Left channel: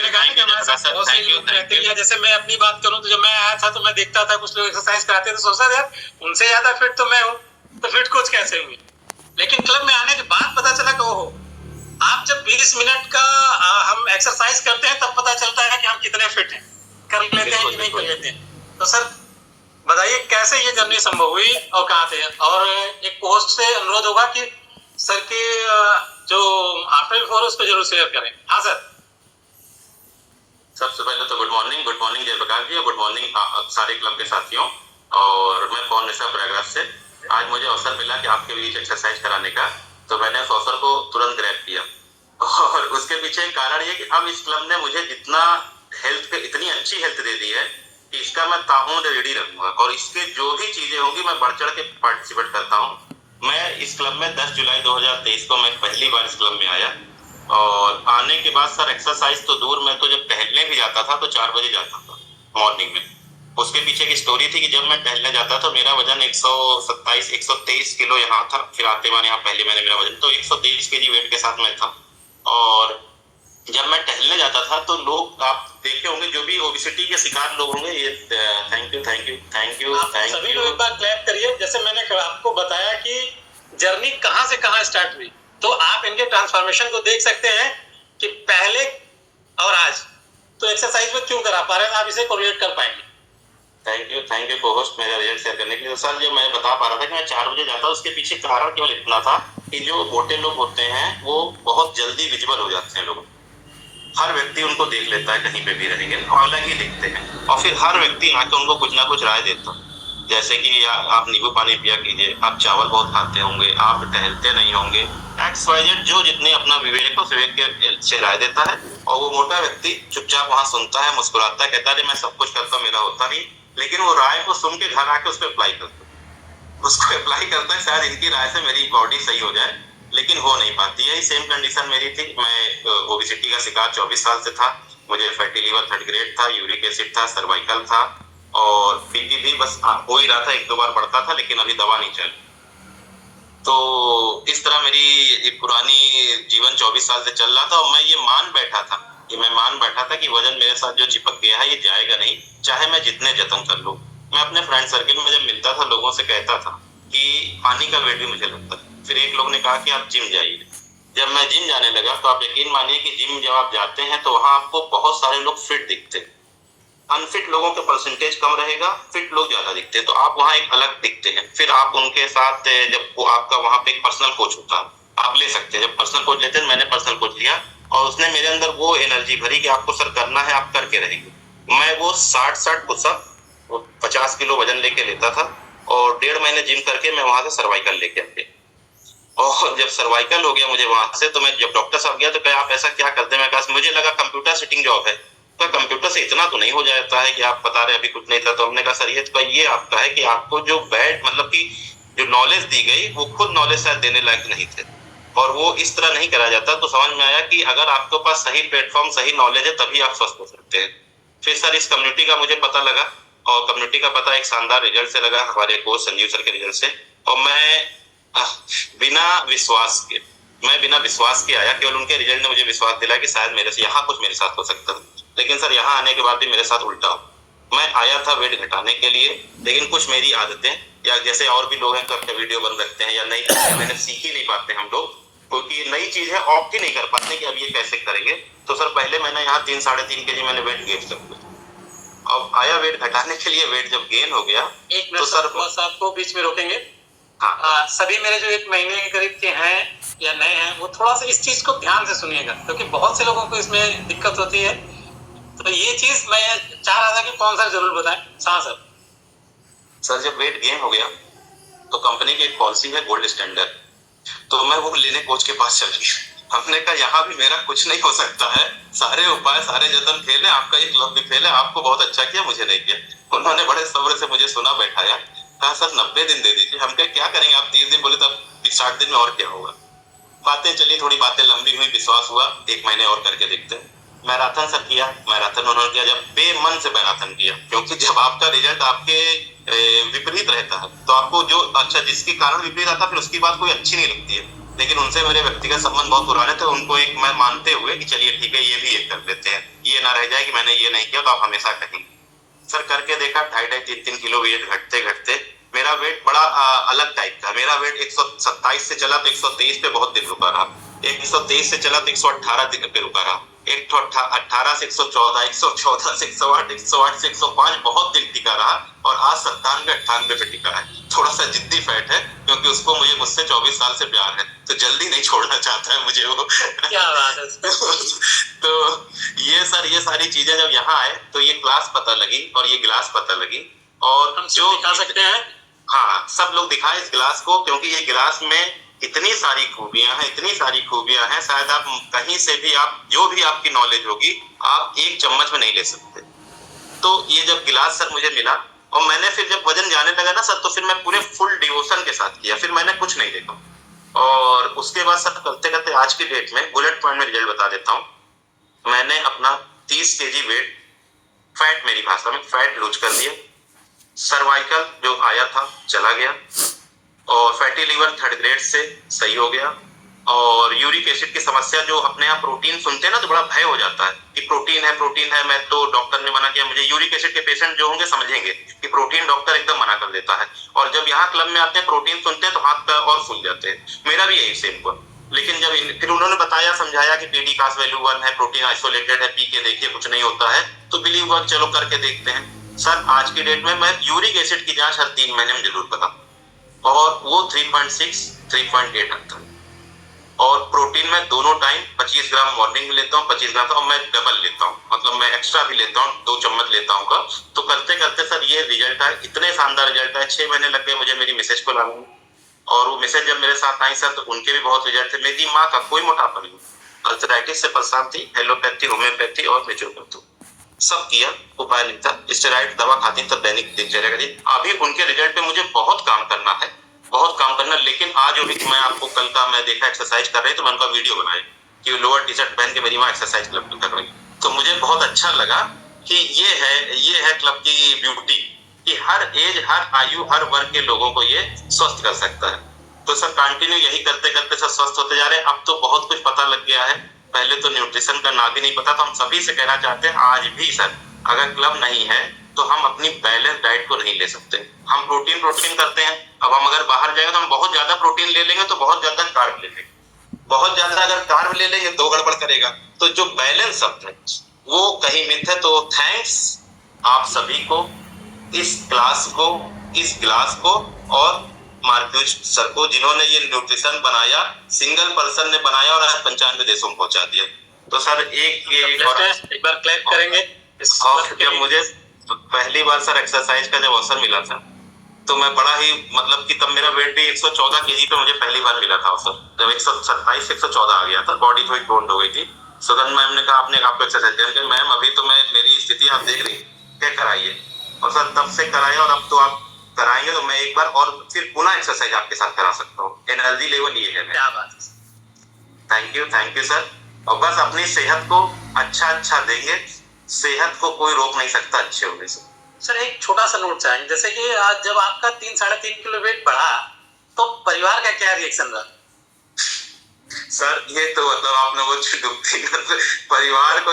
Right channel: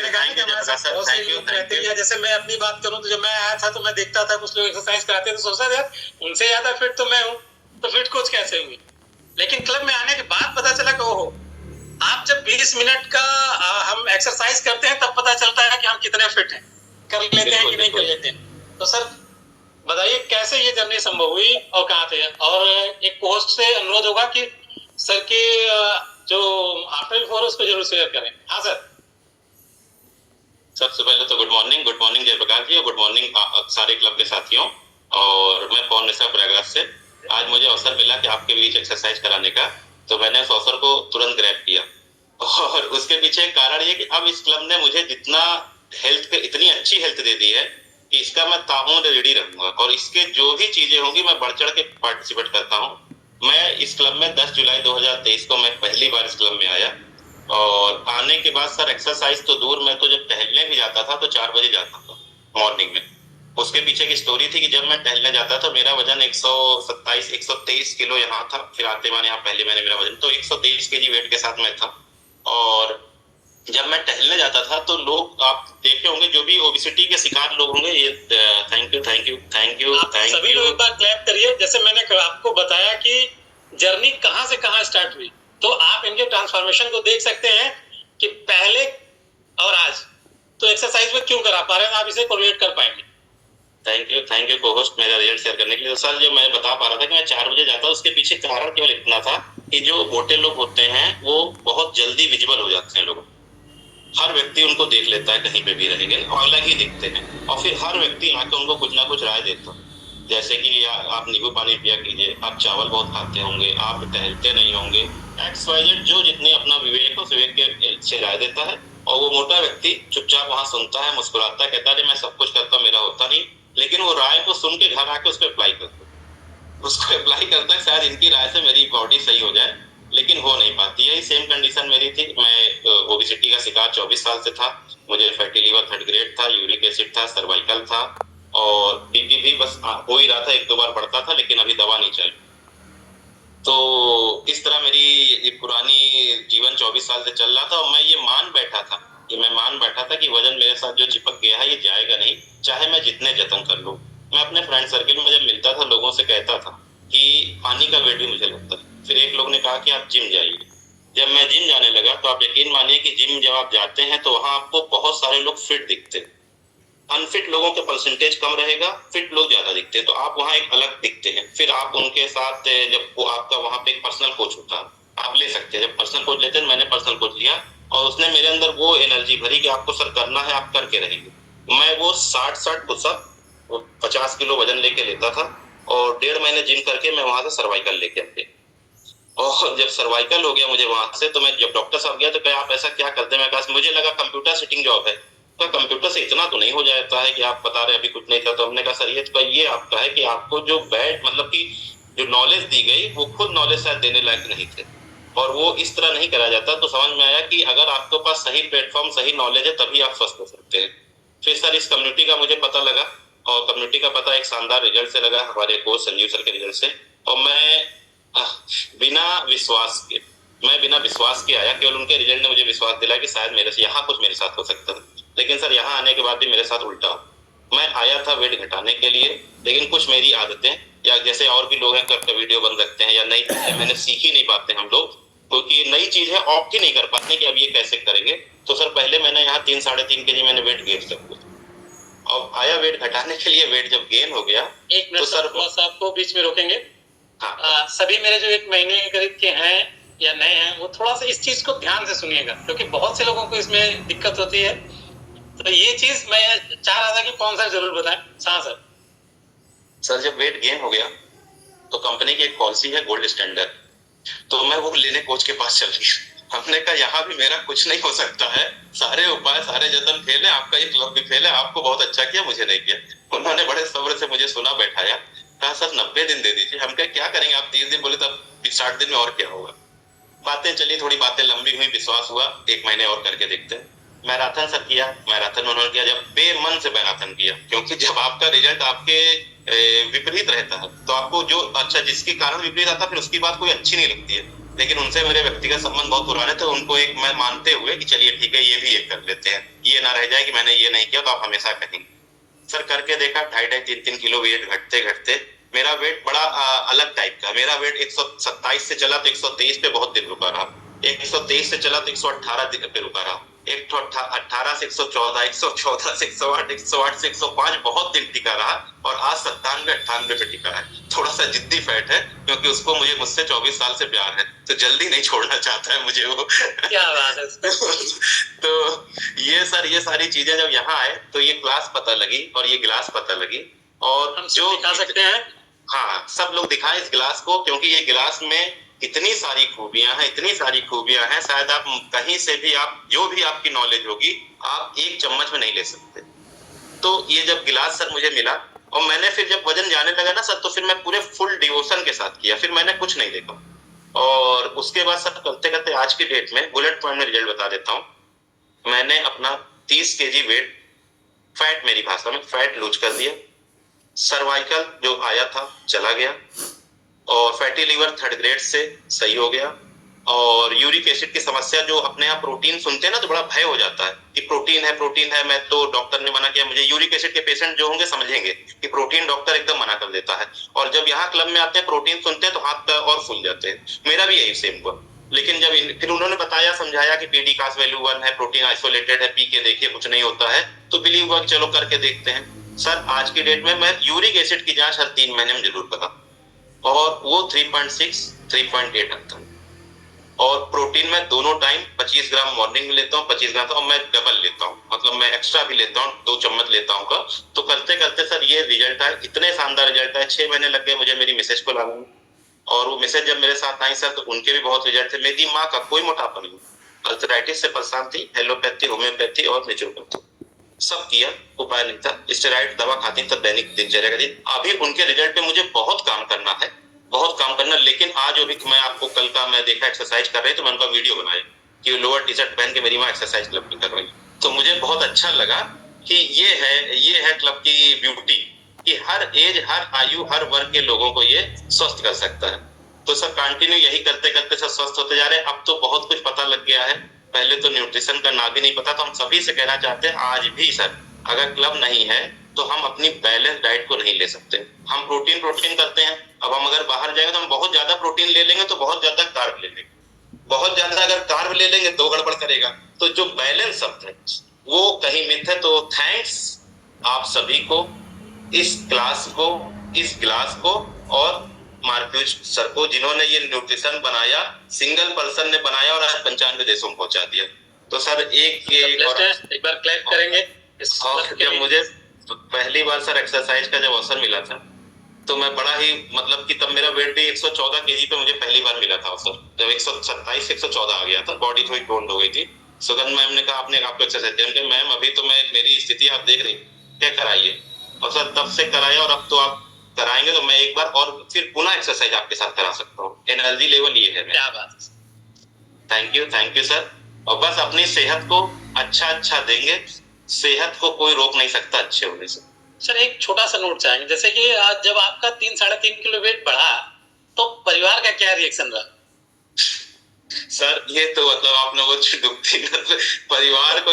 मैंने कहा कि हमारे साथ बहुत से लोग रहते हैं। जैसे मैं अपनी बात करूं तो जब मैं आया था तो मैं देखता था कुछ लोग एक्सरसाइज कराते थे, तो सोचता था यार उनसे ज्यादा फिट तो मैं हूं, तो फिट कोच कैसे हुई। लेकिन क्लब में आने के बाद पता चला कि ओहो, आप जब 20 मिनट का हम एक्सरसाइज करते हैं तब पता चलता है कि हम कितने फिट हैं, कर लेते हैं कि नहीं कर लेते हैं। तो सर बताइए कैसे ये जर्नी संभव हुई और कहाँ थे। और एक पोस्ट से अनुरोध होगा कि सर की जो आफ्टर बिफोर उसको जरूर शेयर करें। हाँ सर। सबसे पहले तो गुड मॉर्निंग जयप्रकाश जी, गुड मॉर्निंग सारे क्लब के साथियों। और मैं पवन निशा प्रयागराज से। आज मुझे अवसर मिला कि आपके बीच एक्सरसाइज कराने का, तो मैंने उस अवसर को तुरंत ग्रैब किया। और उसके पीछे कारण ये कि अब इस क्लब ने मुझे जितना हेल्थ, इतनी अच्छी हेल्थ दे दी है कि इसका मैं ताउम्र रेडी रहूंगा, और इसके जो भी चीजें होंगी मैं बढ़ चढ़ के पार्टिसिपेट करता हूँ। मैं इस क्लब में 10 जुलाई 2023 को मैं पहली बार इस क्लब में आया, और आने के बाद सर एक्सरसाइज तो दूर, मैं तो जब टहलने भी जाता था तो 4 बजे जाता था मॉर्निंग में। उसके पीछे की स्टोरी थी कि जब मैं टहलने जाता था मेरा वजन 123 किलो यहाँ था, फिर आते मैंने यहाँ पहले मैंने मेरा वजन तो 123 केजी वेट के साथ मैं था। और जब मैं टहलने जाता था तो लोग, आप देखे होंगे जो भी ओबेसिटी के शिकार लोग होंगे, ये थैंक यू सभी लोग एक बार क्लैप करिए। जैसे मैंने आपको बताया कि जर्नी कहां से कहां स्टार्ट हुई, तो आप इनके ट्रांसफॉर्मेशन को देख सकते हैं कि पहले और आज तो एक्सरसाइज में क्यों करा पा रहे हैं, आप इसे कोरिलेट कर पाएंगे। थैंक यू को-होस्ट मेरा रिजल्ट शेयर करने के लिए। तो सर जो मैं बता पा रहा था कि मैं 4 बजे जाता, उसके पीछे कारण केवल इतना था कि जो मोटे लोग होते हैं वो बहुत जल्दी विजिबल हो जाते हैं लोगों, हर व्यक्ति उनको देख लेता है कहीं पे भी रहेंगे और अलग ही दिखते हैं, और फिर हर व्यक्ति आके उनको कुछ ना कुछ राय देता है। जैसे कि आप नींबू पानी पिया कीजिए, आप चावल बहुत खाते होंगे, आप टहलते नहीं होंगे, XYZ जो जितने अपना विवेक हो विवेक के से राय देता है। और वो मोटा व्यक्ति चुपचाप वहां सुनता है, मुस्कुराता है, कहता है मैं सब कुछ करता, मेरा होता नहीं। लेकिन वो राय को सुन के घर आके उसको अप्लाई करता है, शायद इनकी राय से मेरी बॉडी सही हो जाए, लेकिन हो नहीं पाती। यही सेम कंडीशन मेरी थी। मैं ओबेसिटी का शिकार 24 साल से था। मुझे फैटी लिवर 3rd ग्रेड था, यूरिक एसिड था, सर्वाइकल था, और बीपी भी बस हो ही रहा था, 1-2 बार बढ़ता था, लेकिन अभी दवा नहीं चल। तो इस तरह मेरी पुरानी जीवन 24 साल से चल रहा था, और मैं ये मान बैठा था कि वजन मेरे साथ जो चिपक गया है ये जाएगा नहीं, चाहे मैं जितने जतन कर लूं। मैं अपने फ्रेंड सर्किल में जब मिलता था लोगों से कहता था कि पानी का वेट भी मुझे लगता है। फिर एक लोग ने कहा कि आप जिम जाइए। जब मैं जिम जाने लगा तो आप यकीन मानिए कि जिम जब आप जाते हैं तो वहां आपको बहुत सारे लोग फिट दिखते हैं, अनफिट लोगों के परसेंटेज कम रहेगा, फिट लोग ज्यादा दिखते हैं, तो आप वहां एक अलग दिखते हैं। फिर आप उनके साथ जब वो आपका वहां पे एक पर्सनल कोच होता है, आप ले सकते हैं। जब पर्सनल कोच लेते हैं, मैंने पर्सनल कोच लिया और उसने मेरे अंदर वो एनर्जी भरी कि आपको सर करना है, आप करके रहेंगे। मैं वो 60 पुशअप 50 किलो वजन लेके लेता था, और 1.5 महीने जिम करके मैं वहां से सर्वाइकल लेके आ गया। और जब सर्वाइकल हो गया मुझे वहां से, तो मैं जब डॉक्टर साहब गया तो कहा आप ऐसा क्या करते हैं। मैं कहा मुझे लगा कंप्यूटर सिटिंग जॉब है। तो कंप्यूटर से इतना तो नहीं हो जाता है कि आप बता रहे अभी कुछ नहीं था। तो हमने कहा सर ये आपका है कि आपको जो बैड मतलब कि जो नॉलेज दी गई वो खुद नॉलेज शायद देने लायक नहीं थे, और वो इस तरह नहीं करा जाता। तो समझ में आया कि अगर आपके पास सही प्लेटफॉर्म सही नॉलेज है तभी आप स्वस्थ हो सकते हैं। फिर सर इस कम्युनिटी का मुझे पता लगा, और कम्युनिटी का पता एक शानदार रिजल्ट से लगा, हमारे कोच संजीव सर के रिजल्ट से। और मैं बिना विश्वास के आया, केवल उनके रिजल्ट ने मुझे विश्वास दिलाया कि शायद मेरे साथ हो सकता है। लेकिन सर यहाँ आने के बाद भी मेरे साथ उल्टा। मैं आया था वेट घटाने के लिए, लेकिन कुछ मेरी आदतें, या जैसे और भी लोग हैं कब वीडियो बन सकते हैं या नई चीजें मैंने सीख ही नहीं पाते हम लोग, क्योंकि नई चीज है ऑप्ट ही नहीं कर पाते कि अब ये कैसे करेंगे। तो सर पहले मैंने यहाँ 3-3.5 केजी मैंने वेट गेन कर लिया। अब आया वेट घटाने के लिए, वेट जब गेन हो गया एक मिनट तो सर आपको बीच में रोकेंगे। हाँ। सभी मेरे जो 1 महीने के करीब के हैं या नए हैं वो थोड़ा सा इस चीज को ध्यान से सुनिएगा, क्योंकि बहुत से लोगों को इसमें दिक्कत होती है। तो ये चीज मैं चाह रहा था कि कौन सा जरूर बताएं। हाँ सर जब वेट गेन हो गया तो कंपनी की एक पॉलिसी है गोल्ड स्टैंडर्ड, तो मैं वो लेने कोच के पास चल गया। हमने कहा यहाँ भी मेरा कुछ नहीं हो सकता है, सारे उपाय सारे जतन फेल है, आपका ये क्लब भी फेल है, आपको बहुत अच्छा किया, मुझे नहीं किया। उन्होंने बड़े सब्र से मुझे सुना, बैठाया, कहा सर 90 दिन दे दीजिए। हम क्या करेंगे, आप 30 दिन बोले तब 60 दिन में और क्या होगा। बातें चली, थोड़ी बातें लंबी हुई, विश्वास हुआ 1 महीने और करके देखते हैं। मैराथन सर किया, मैराथन उन्होंने किया, जब बेमन से मैराथन किया, क्योंकि जब आपका रिजल्ट आपके विपरीत रहता है तो आपको जो अच्छा जिसके कारण विपरीत आता है फिर उसकी बात कोई अच्छी नहीं लगती है। लेकिन उनसे मेरे व्यक्तिगत संबंध बहुत पुराने थे, उनको एक मैं मानते हुए कि चलिए ठीक है ये भी एक कर देते हैं, ये ना रह जाए कि मैंने ये नहीं किया, तो आप हमेशा कहेंगे। सर करके देखा, 2.5-3 किलो वेट घटते घटते मेरा वेट बड़ा अलग टाइप का। मेरा वेट 127 से चला तो 123 पे बहुत दिन रुका रहा, 123 से चला तो 118 दिन पे रुका रहा, 118 से 114, 114 से 108, 108 से 105 बहुत दिन टिका रहा, और आज 97-98 पे टिका है। थोड़ा सा जिद्दी फैट है, क्योंकि उसको मुझसे 24 साल से प्यार है, तो जल्दी नहीं छोड़ना चाहता है मुझे वो। क्या बात है। तो ये सर, ये सारी चीजें जब यहाँ आए तो ये क्लास पता लगी और ये गिलास पता लगी, और हम जो दिखा सकते हैं, हाँ सब लोग दिखाएं इस गिलास को, क्योंकि ये गिलास में इतनी सारी खूबियां हैं, इतनी सारी खूबियां हैं, शायद आप कहीं से भी, आप जो भी आपकी नॉलेज होगी, आप एक चम्मच में नहीं ले सकते। तो ये जब गिलास सर मुझे मिला, और मैंने फिर जब वजन जाने लगा ना सर, तो फिर मैं पूरे फुल डिवोशन के साथ किया, फिर मैंने कुछ नहीं देखा। और उसके बाद सर करते करते आज की डेट में बुलेट पॉइंट में रिजल्ट बता देता हूँ। मैंने अपना 30 kg वेट, फैट, मेरी भाषा में फैट लूज कर दिया, सर्वाइकल जो आया था चला गया, और फैटी लीवर 3rd ग्रेड से सही हो गया, और यूरिक एसिड की समस्या, जो अपने आप प्रोटीन सुनते हैं ना तो बड़ा भय हो जाता है कि प्रोटीन है प्रोटीन है, मैं तो डॉक्टर ने मना किया। मुझे यूरिक एसिड के पेशेंट जो होंगे समझेंगे कि प्रोटीन डॉक्टर एकदम मना कर देता है, और जब यहाँ क्लब में आते हैं प्रोटीन सुनते हैं तो हाथ और फूल जाते हैं। मेरा भी यही सेम हुआ, लेकिन जब फिर उन्होंने बताया, समझाया कि पीडी कास वैल्यू 1 है, प्रोटीन आइसोलेटेड है, पी के देखिए कुछ नहीं होता है, तो बिलीव वर्क चलो करके देखते हैं। सर आज की डेट में मैं यूरिक एसिड की जांच हर 3 महीने में जरूर करा, और वो 3.6 3.8 आता है, और प्रोटीन में दोनों टाइम 25 ग्राम मॉर्निंग में लेता हूँ, 25 ग्राम, और मैं डबल लेता हूँ, मतलब मैं एक्स्ट्रा भी लेता हूँ, 2 चम्मच लेता हूँ का। तो करते करते सर ये रिजल्ट है, इतने शानदार रिजल्ट है। 6 महीने लग गए मुझे मेरी मिसेज को लाने में, और वो मिसेज जब मेरे साथ आई सर, तो उनके भी बहुत रिजल्ट थे। मेरी माँ का कोई मोटापा नहीं, अल्सराइटिस से परेशान थी, एलोपैथी, होम्योपैथी और नेचुरोपैथी सब किया, उपाय नहीं था। स्टेरॉइड दवा खाती तब दैनिक दिनचर्या का। अभी उनके रिजल्ट पे मुझे बहुत काम करना है, बहुत काम करना। लेकिन आज अभी मैं आपको कल का मैं देखा एक्सरसाइज कर रहे, तो मैं उनका वीडियो बनाया कि लोअर टी शर्ट पहन के मेरी माँ एक्सरसाइज क्लब में कर रही, तो मुझे बहुत अच्छा लगा कि ये है क्लब की ब्यूटी, कि हर एज, हर आयु, हर वर्ग के लोगों को ये स्वस्थ कर सकता है। तो सर कंटिन्यू यही करते करते सर स्वस्थ होते जा रहे हैं। अब तो बहुत कुछ पता लग गया है, पहले तो न्यूट्रिशन का ना भी नहीं पता। तो हम सभी से कहना चाहते हैं, आज भी सर अगर क्लब नहीं है तो हम अपनी बैलेंस डाइट को नहीं ले सकते। हम प्रोटीन करते हैं, अब हम अगर बाहर जाएंगे तो हम बहुत ज्यादा प्रोटीन ले लेंगे तो बहुत ज्यादा कार्ब ले लेंगे, बहुत ज्यादा अगर कार्ब ले लेंगे तो गड़बड़ करेगा। तो जो बैलेंस शब्द है वो कहीं मिथ है। तो थैंक्स आप सभी को, इस क्लास को, इस क्लास को, और मार्क्यूज सर को, जिन्होंने ये न्यूट्रिशन बनाया, सिंगल पर्सन ने बनाया और आज 95 देशों में पहुंचा दिया। तो सर एक बार क्लैप करेंगे। और जब मुझे पहली बार सर एक्सरसाइज का जब अवसर मिला था, तो मैं बड़ा ही, मतलब कि तब मेरा वेट भी 114 kg पे मुझे पहली बार मिला था अवसर, जब 127 114 आ गया था, बॉडी थोड़ी टोन्ड हो गई थी। सुगंध मैम ने कहा आपने आपको एक्सरसाइज किया, मैम अभी तो मैं, मेरी स्थिति आप देख रही, क्या कराइए। और सर तब से कराया, और अब तो आप कराएंगे तो मैं एक बार और फिर पुनः एक्सरसाइज आपके साथ करा सकता हूँ। एनर्जी लेवल ये है। क्या बात। Thank you sir. और बस अपनी सेहत को अच्छा देंगे, सेहत को कोई रोक नहीं सकता अच्छे होने से। सर एक छोटा सा नोट चाहेंगे, जैसे कि आज जब आपका 3-3.5 किलो वेट बढ़ा, तो परिवार का क्या रिएक्शन रहा? सर ये तो मतलब आप लोगों को दुखती, परिवार को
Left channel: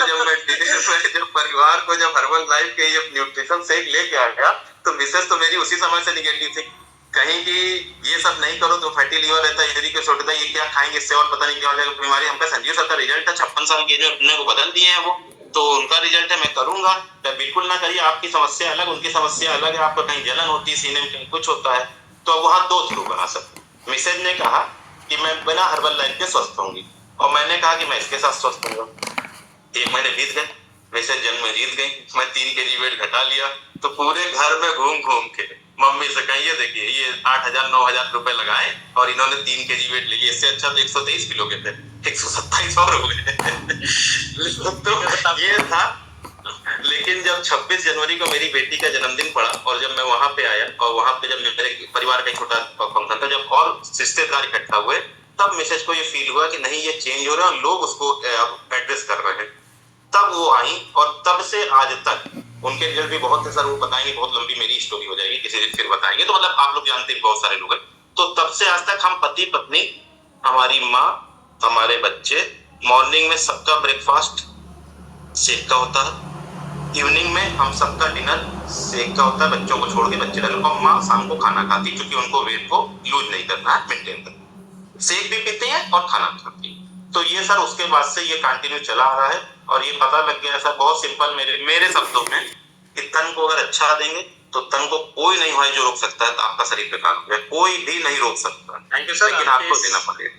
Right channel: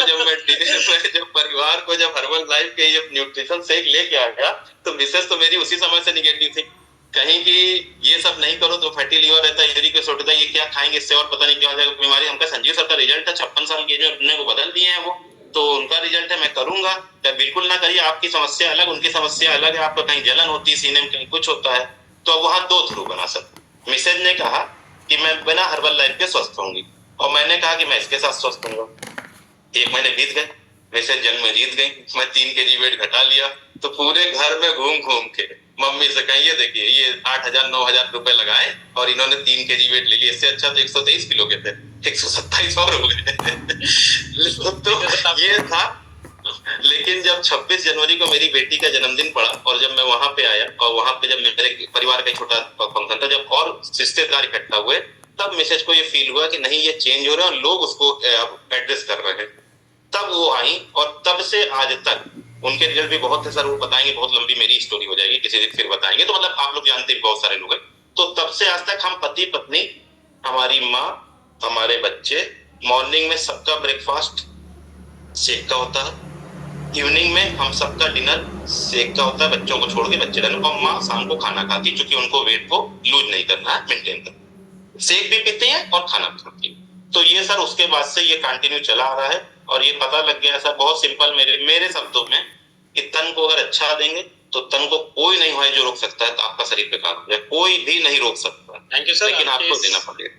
जब जब हर्बल लाइफ के ये न्यूट्रिशन शेक लेके आ गया, तो मिसेस तो मेरी उसी समय से निगेटिव थी, कहीं कि ये सब नहीं करो तो फैटी लीवर रहता है, यूरिक एसिड होता है, ये क्या खाएंगे, इससे और पता नहीं क्या हो जाएगा बीमारी। हमका संजीव सर का रिजल्ट है, 56 साल के जो अपने को बदल दिए हैं वो, तो उनका रिजल्ट है, मैं करूंगा। तो बिल्कुल ना करिए, आपकी समस्या अलग, उनकी समस्या अलग है, आपको कहीं जलन होती है सीने में, कहीं कुछ होता है, तो वहां 2 थ्रू बना सकते। मिसेज ने कहा कि मैं बिना हर्बल लाइफ के स्वस्थ होंगी, और मैंने कहा कि मैं इसके साथ स्वस्थ होऊंगा। 1 महीने बीत गए, मिसेज जन्म में जीत गई, मैं 3 kg वेट घटा लिया। तो पूरे घर में घूम के मम्मी से कहिए, देखिए ये 8,000 9,000 रुपए लगाए और इन्होंने 3 kg वेट ले लिया, इससे अच्छा तो 123 किलो के थे 127 और हो गए। तो ये था। लेकिन जब 26 जनवरी को मेरी बेटी का जन्मदिन पड़ा, और जब मैं वहां पे आया, और वहां पे जब मेरे परिवार का छोटा फंक्शन था, जब और रिश्तेदार इकट्ठा हुए, तब मिसेज को ये फील हुआ कि नहीं ये चेंज हो रहा है और लोग उसको एड्रेस कर रहे हैं। तब वो आई, और तब से आज तक उनके रिजल्ट भी बहुत है सर, वो बताएंगे, बहुत लंबी मेरी स्टोरी हो जाएगी, किसी दिन फिर बताएंगे। तो मतलब आप लोग जानते हैं बहुत सारे लोग हैं। तो तब से आज तक हम पति पत्नी, हमारी माँ, हमारे बच्चे, मॉर्निंग में सबका ब्रेकफास्ट शेक का होता है। इवनिंग में हम सबका डिनर शेक का होता है, बच्चों को छोड़ के बच्चे डिनर, और माँ शाम को खाना खाती है, क्योंकि उनको वेट को लूज नहीं करना है, मेंटेन करना। शेक भी पीते हैं और खाना खाती है। तो ये सर उसके बाद से ये कंटिन्यू चला आ रहा है, और ये पता लग गया सर बहुत सिंपल, मेरे शब्दों में, कि तन को अगर अच्छा देंगे तो तन को कोई नहीं है जो रोक सकता है, तो आपका शरीर पे काम हो जाए, कोई भी नहीं रोक सकता। थैंक यू सर, लेकिन आपको देना पड़ेगा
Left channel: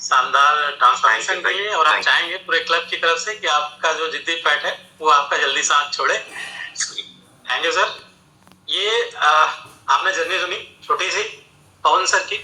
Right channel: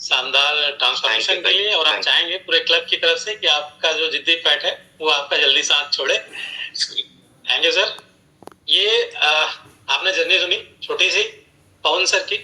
शानदार ट्रांसफॉर्मेशन के लिए। और हम चाहेंगे पूरे क्लब की तरफ से कि आपका जो जिद्दी फैट है वो आपका जल्दी से हाथ छोड़े। Thank you sir. ये आपने जर्नी सुनी छोटी सी पवन सर की,